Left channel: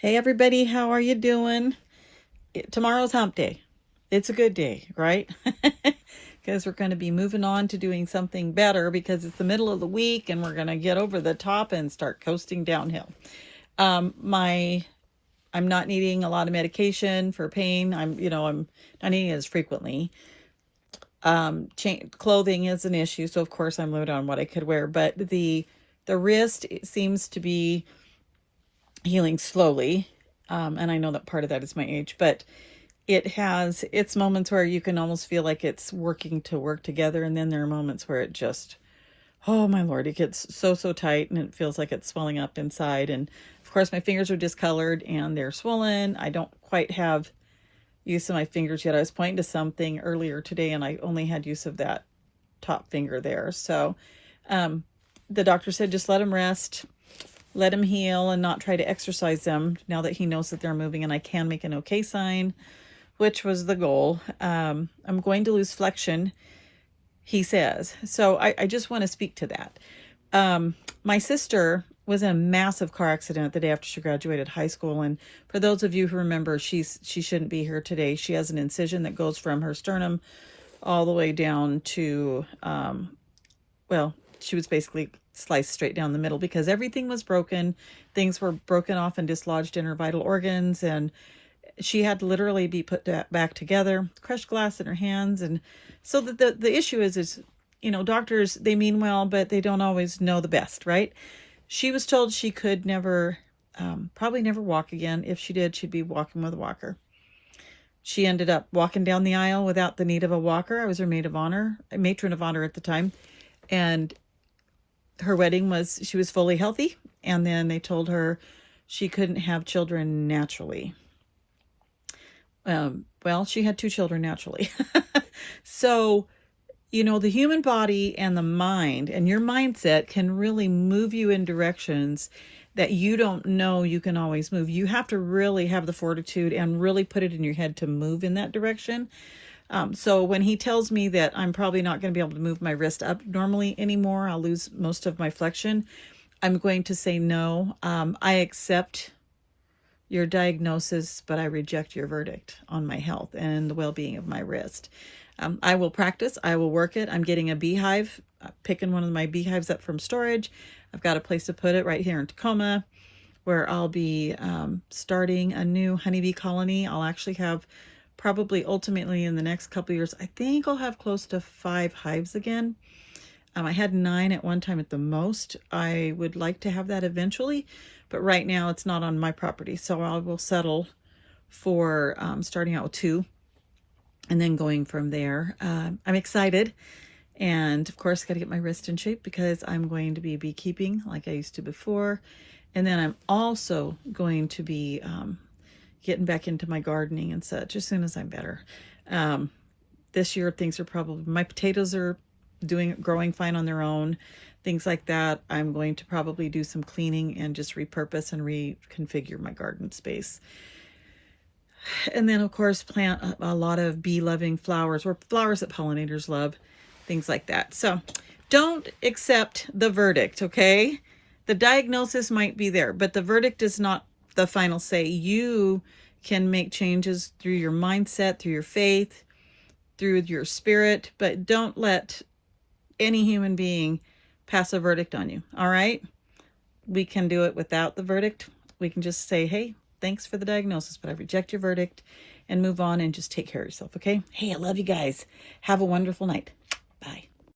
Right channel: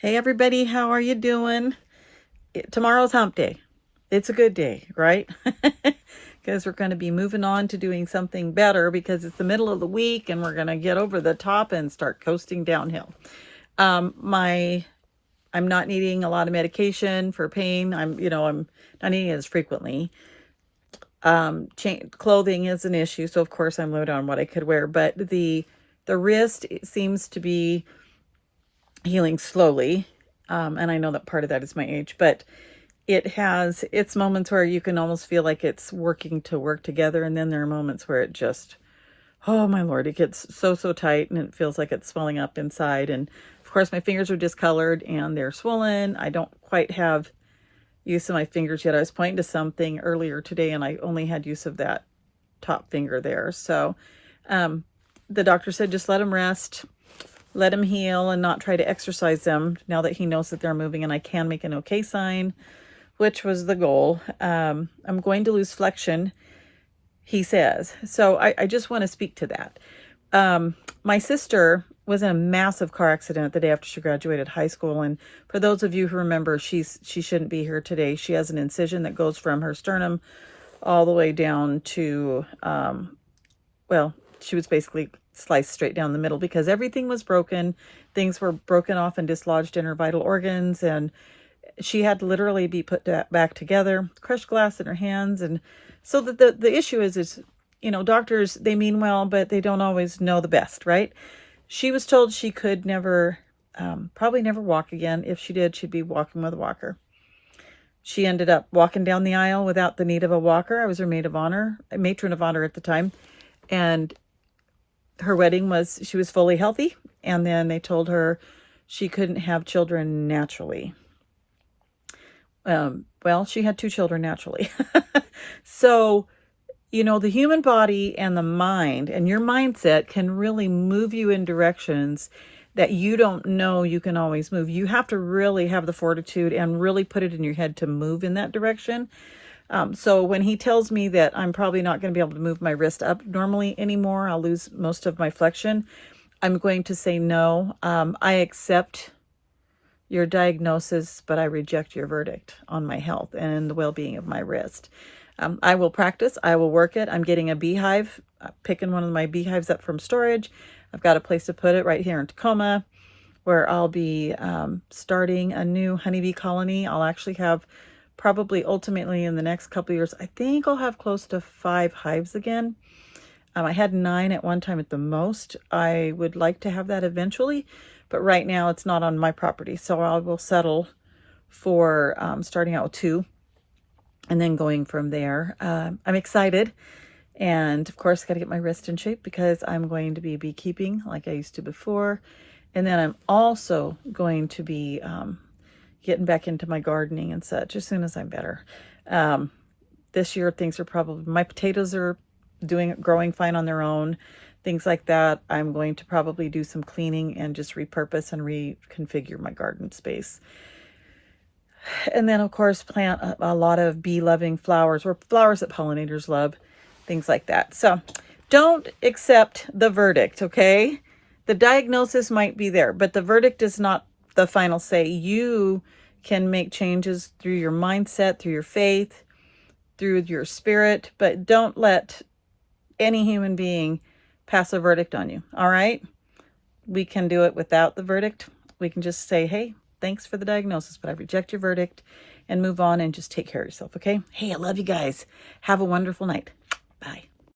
Hey everybody, how are you doing? Tomorrow's hump day. It's a good day, right? Because we're going to be moving on to doing something better because it's the middle of the week and we're going to get over the top and start coasting downhill. I'm not needing a lot of medication for pain. I'm not needing it as frequently. Clothing is an issue, so of course I'm limited on what I could wear, but the wrist, it seems to be healing slowly. And I know that part of that is my age, but it has its moments where you can almost feel like it's working to work together. And then there are moments where it just, oh my Lord, it gets so tight and it feels like it's swelling up inside. And of course my fingers are discolored and they're swollen. I don't quite have use of my fingers yet. I was pointing to something earlier today and I only had use of that top finger there. So the doctor said, just let them rest, let them heal, and not try to exercise them now that he knows that they're moving and I can make an okay sign, which was the goal. I'm going to lose flexion, he says. So I just want to speak to that. My sister was in a massive car accident the day after she graduated high school. And for those of you who remember, she shouldn't be here today. She has an incision that goes from her sternum all the way down to, well, she was basically sliced straight down the middle because everything was broken. Things were broken off and dislodged in her vital organs. And she had to literally be put back together, crushed glass in her hands. And so the issue is, doctors, they mean well, but they don't always know the best, right? She was told she could never, probably never walk again. If she did, she'd be walking with a walker. She ended up walking down the aisle without the need of a walker. I was her matron of honor at the time. And her wedding she was fully healthy. And then they told her she couldn't have children naturally. Well, she had 2 children naturally. So, the human body and the mind and your mindset can really move you in directions that you don't know you can always move. You have to really have the fortitude and really put it in your head to move in that direction. So when he tells me that I'm probably not going to be able to move my wrist up normally anymore, I'll lose most of my flexion, I'm going to say no. I accept your diagnosis, but I reject your verdict on my health and in the well-being of my wrist. I will practice. I will work it. I'm getting a beehive, picking one of my beehives up from storage. I've got a place to put it right here in Tacoma where I'll be starting a new honeybee colony. I'll actually have probably ultimately in the next couple of years, I think I'll have close to 5 hives again. I had 9 at one time at the most. I would like to have that eventually, but right now it's not on my property. So I will settle for starting out with 2 and then going from there. I'm excited. And of course, got to get my wrist in shape because I'm going to be beekeeping like I used to before. And then I'm also going to be getting back into my gardening and such as soon as I'm better. This year, things are my potatoes are growing fine on their own, things like that. I'm going to probably do some cleaning and just repurpose and reconfigure my garden space. And then, of course, plant a lot of bee-loving flowers or flowers that pollinators love, things like that. So don't accept the verdict, okay? The diagnosis might be there, but the verdict is not the final say. You can make changes through your mindset, through your faith, through your spirit, but don't let any human being pass a verdict on you, all right? We can do it without the verdict. We can just say, hey, thanks for the diagnosis, but I reject your verdict, and move on and just take care of yourself, okay? Hey, I love you guys. Have a wonderful night.